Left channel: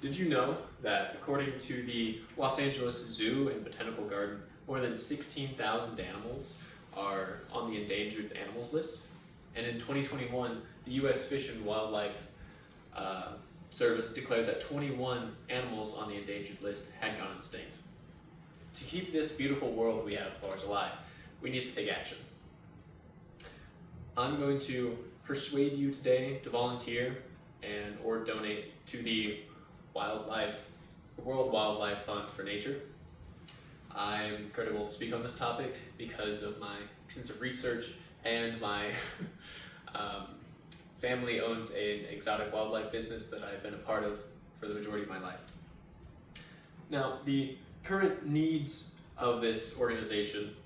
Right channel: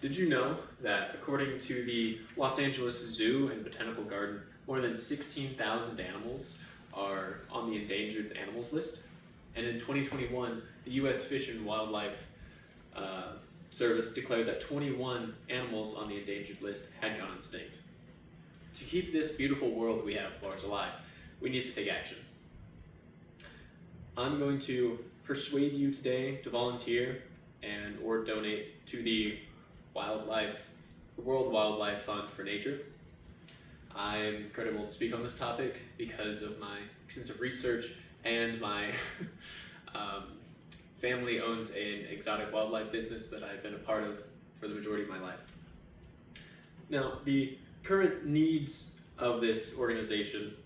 Did you know that according to the Los Angeles Zoo and Botanical Garden, more than 16,000 animals are on the endangered animals list? And in 2021, the U.S. Fish and Wildlife Service declared that 21 animals on the endangered list had gone extinct. To keep this beautiful world we have of ours alive, we need to take action. I'm going to persuade you today to volunteer and or donate to the World Wildlife Fund for Nature. I'm credible to speak on this topic because of my extensive research and my family owns an exotic wildlife business that I've been a part of for the majority of my life. Now, the current needs of this organization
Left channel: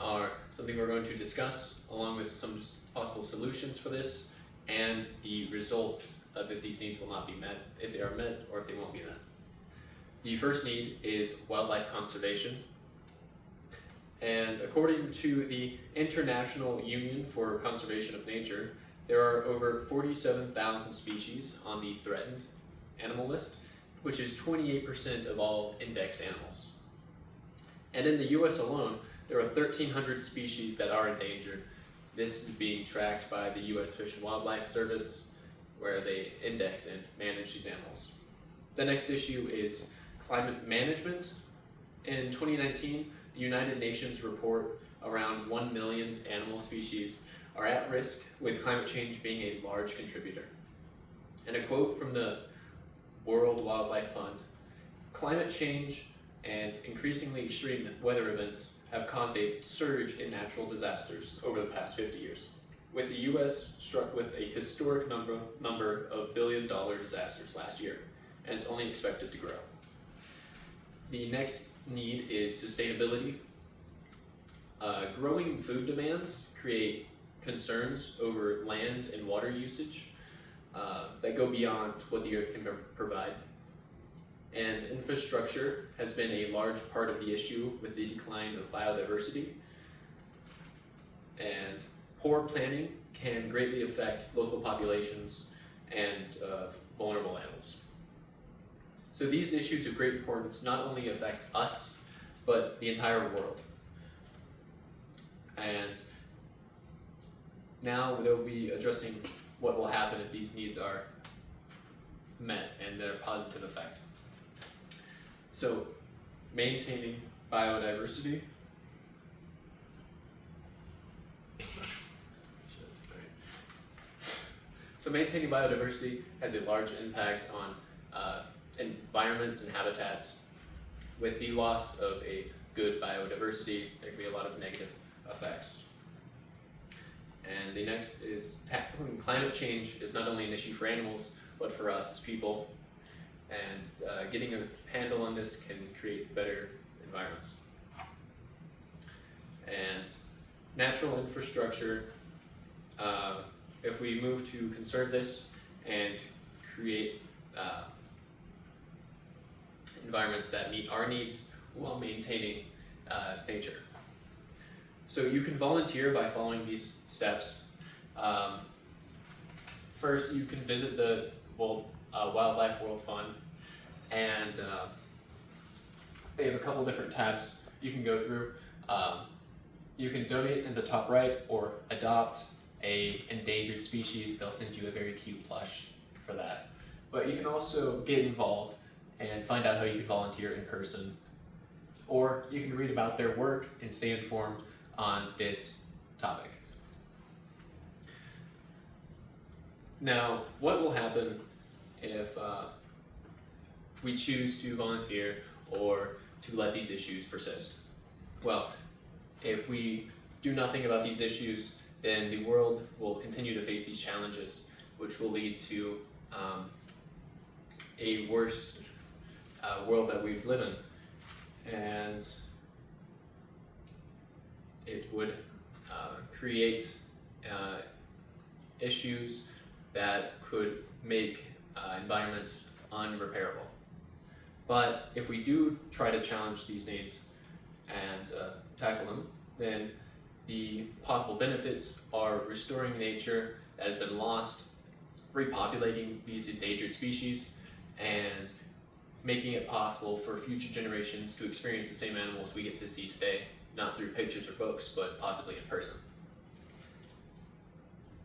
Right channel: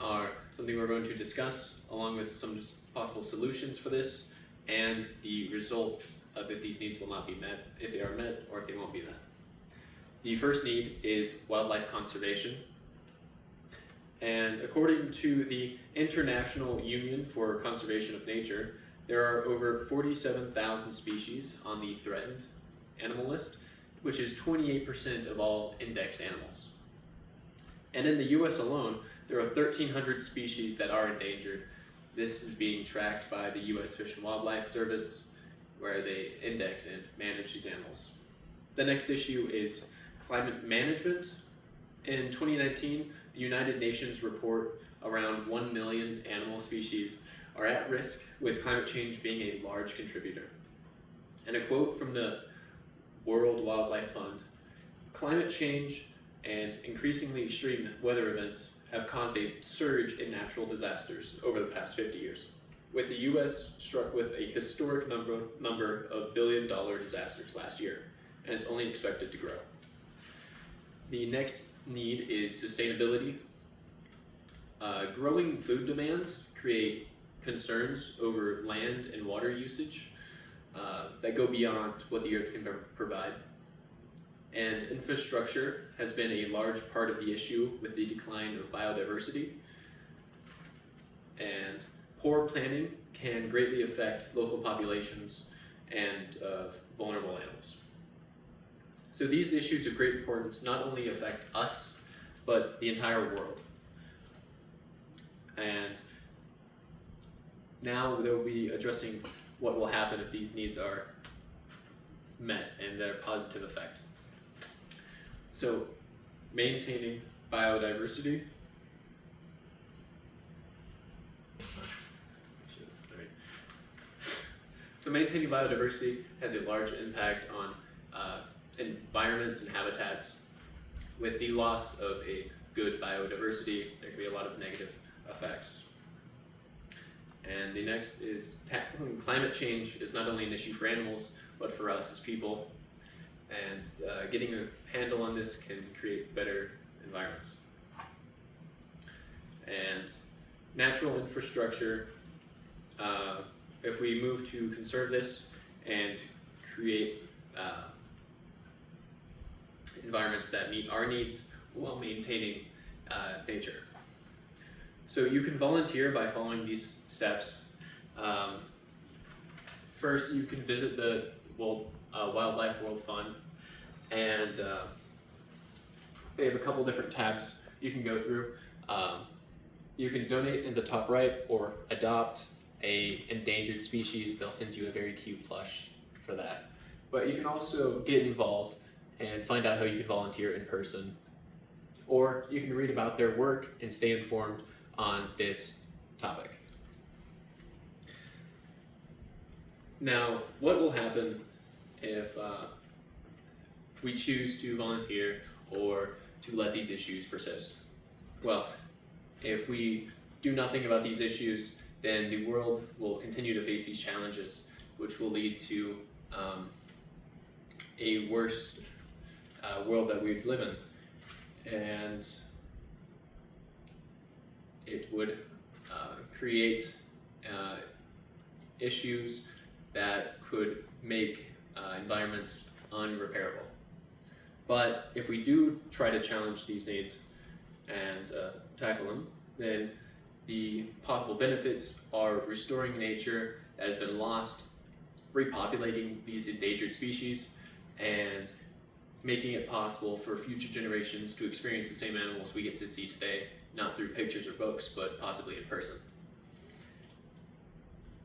are something we're going to discuss along with some possible solutions for this and the results of if these needs will not be met, if they are met, or if they won't be met. The first need is wildlife conservation. And according to the International Union for Conservation of Nature, there are over 47,000 species on the threatened animal list, which is 28% of all indexed animals. And in the US alone, there are 1,300 species that are endangered. This is being tracked by the US Fish and Wildlife Service, where they index and manage these animals. The next issue is climate management. In 2019, the United Nations report around 1 million animal species are at risk, with climate change being a large contributor. And a quote from the World Wildlife Fund: "Climate change and increasingly extreme weather events have caused a surge in natural disasters over the past 50 years, with the US struck with a historic number of billion-dollar disasters last year, and it's only expected to grow." The next need is sustainability. Growing food demands create concerns over land and water usage that go beyond what the earth can provide. And infrastructure has been a large part of the issue with the decline of biodiversity. And poor planning can greatly affect local populations and vulnerable animals. So these issues of great importance not only affect us, but the entire world. And now they'll be addressing what will happen if these needs are met and their positive effect. So, maintaining biodiversity. So maintaining biodiversity has a large impact on environments and habitats. With the loss of a good biodiversity, there can be a lot of negative effects. And the next is tackling climate change is not only an issue for animals, but for us as people. And getting a handle on this can create better environments. And natural infrastructure, if we move to conserve this and create environments that meet our needs while maintaining nature. So you can volunteer by following these steps. First, you can visit the Wildlife World Fund, and they have a couple different tabs you can go through. You can donate in the top right or adopt a endangered species. They'll send you a very cute plush for that. But you can also get involved and find out how you can volunteer in person, or you can read about their work and stay informed on this topic. Now, what will happen if we choose to volunteer or to let these issues persist? Well, if we do nothing about these issues, then the world will continue to face these challenges, which will lead to a worse world that we live in. And it would create issues that could make environments unrepairable. But if we do try to challenge these needs and tackle them, then the possible benefits are restoring nature that has been lost, repopulating these endangered species, and making it possible for future generations to experience the same animals we get to see today, not through pictures or books, but possibly in person.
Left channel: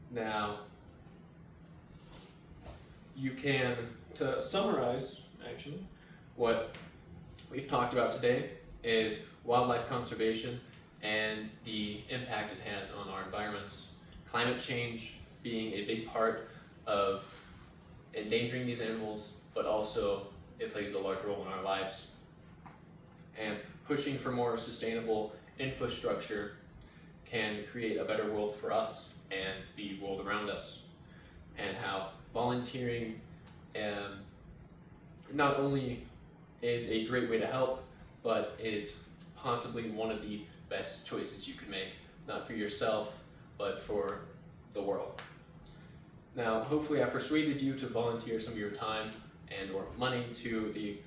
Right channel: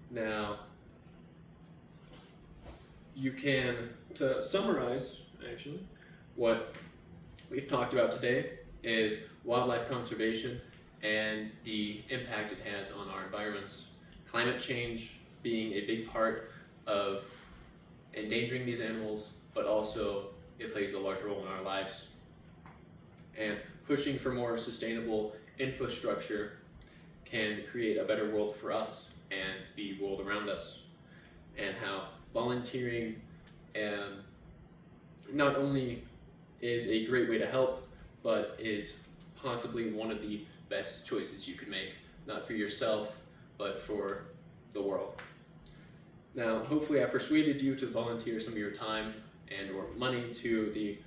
Now, you can, to summarize, actually, what we've talked about today is wildlife conservation and the impact it has on our environments. Climate change being a big part of endangering these animals, but also it plays a large role in our lives. And pushing for more sustainable infrastructure can create a better world for us and the world around us. And how volunteering not only is a great way to help, but is possibly one of the best choices you could make, not for yourself, but for the world. Now, hopefully I persuaded you to volunteer some of your time and or money to the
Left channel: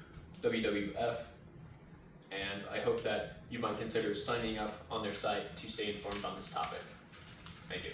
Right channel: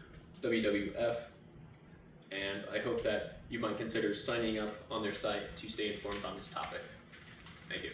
WWF, and I hope that you might consider signing up on their site to stay informed on this topic. Thank you.